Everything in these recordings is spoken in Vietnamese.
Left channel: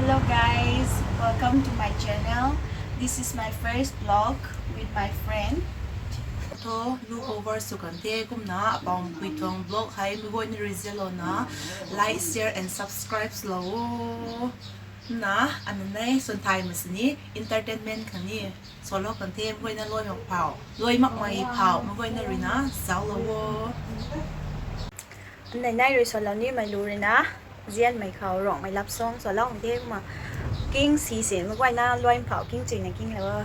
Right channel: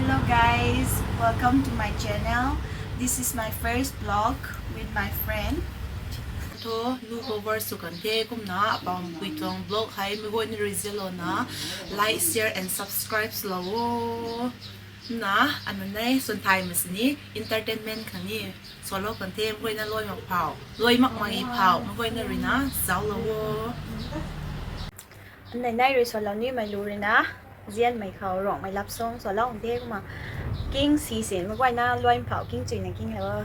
Hello guys, welcome to my channel. This is my first vlog with my friend. To look over so kante kumna apang puitong vlog hai mi go ni rizelo na like, share and subscribe slow na ano nay sun thai mas ni entertainment kani solo kante mo na loy mak pau loy mak mai pau mo na rina zao lo này nay rồi sau ni mày lù rồi na riêng mày khảo rộng mày lắp xong sau lâu thế mà kinh xì xì mà quay na loay phảo kinh chuyện này kinh là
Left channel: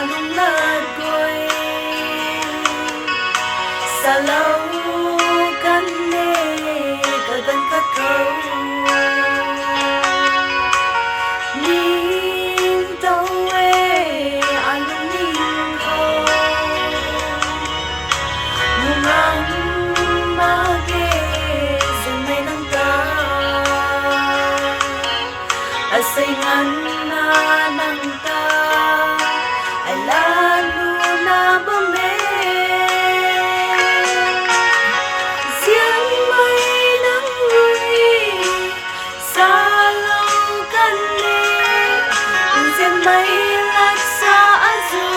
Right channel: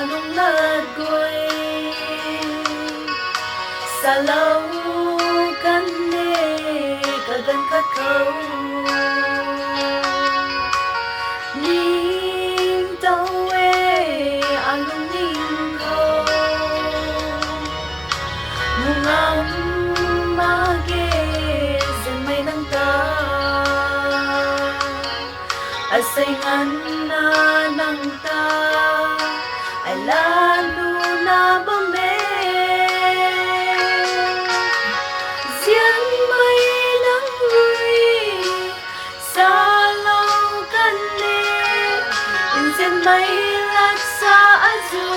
anong naggoy sa lâu kan ne kagan kakau ning tao anong ning ho mungang mage sa may nang ta asay ngan na nang ta ay lalo na bame Diyan may nangoy sa laukan ni Diyan may laksa azu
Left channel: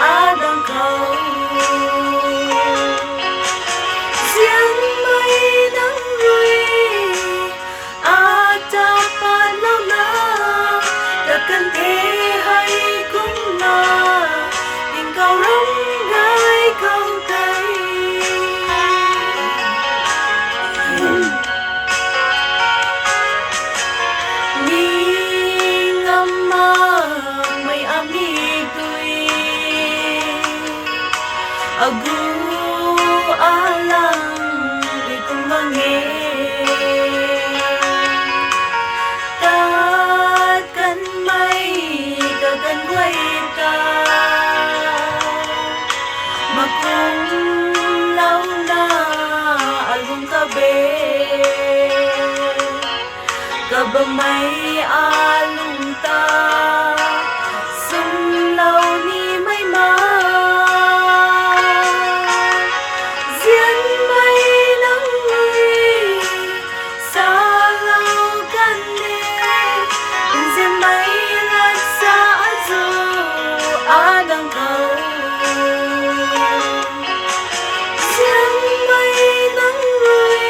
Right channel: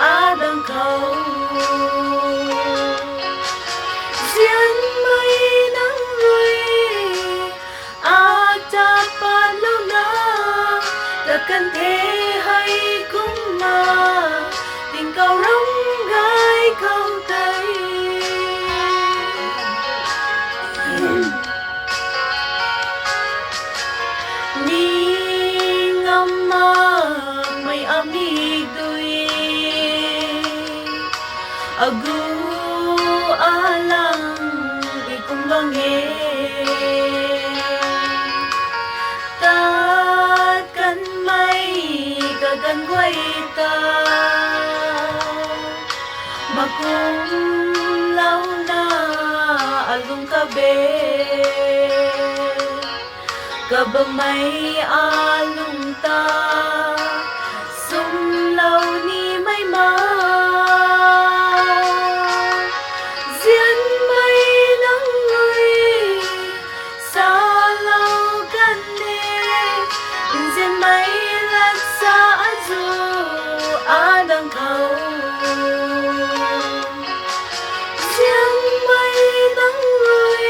adang kau Diyan may nangoy at dapat lang na Takkan hay cũng là tình cầu rong gai câu tay ni ngâm mơ mây ami tui agu alang di cùng vang nghe gần quay ta mà cũng lâu na alung ka be ka ba may alung ta sum lâu ni may ma diyan may nang ơi sa lâu kan ne diyan may adang kau Diyan may nangoy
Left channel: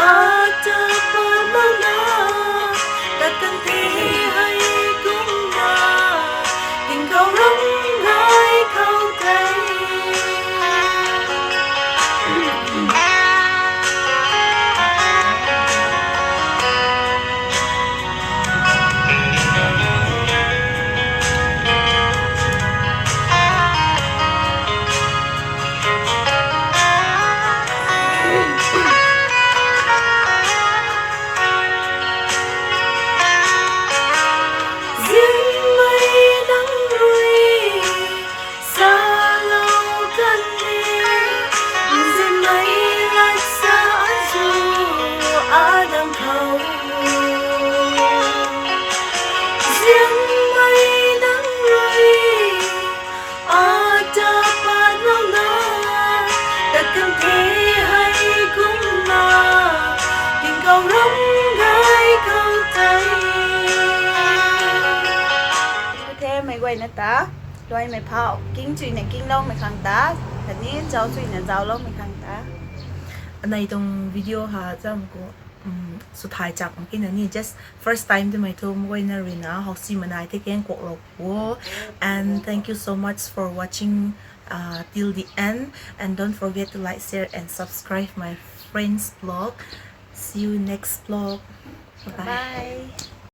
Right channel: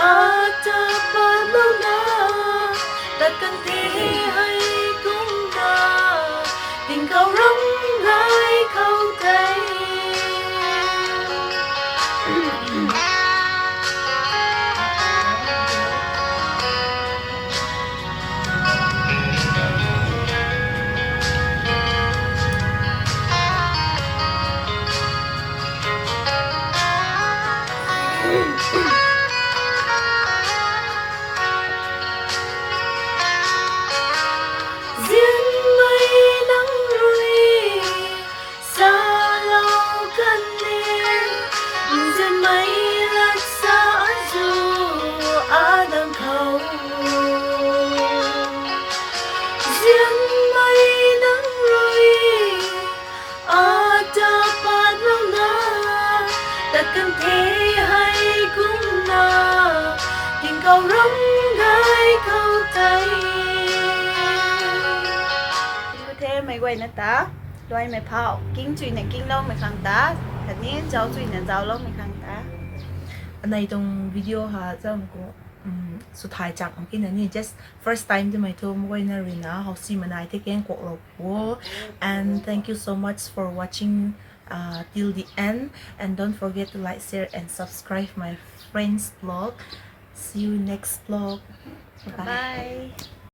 at dapat lang na tatantihay kung na ikaw rong gai kau tay Diyan may nangoy sa laukan ni Diyan may laksa azu adang kau Diyan may nangoy at dapat lang na Takkan hay cũng na ikaw rong gai kau tay thế mày quay nó ta loay mày phảo kinh chuyện này kinh lâu mày khang ta thật ní cháu chuyện này cháu lâu mày khang ta này trong video ha cho một côสุดท้ายจากเมื่อกี้นี่ just first time ที่ไม่ทุ่มไว้นะรีนะฮอกซี่มันได้ที่แกงกวกหลบวัว and thank you so much for watching till the end and don't forget to like share and subscribe my friend's vlog see you next vlog bye, bye.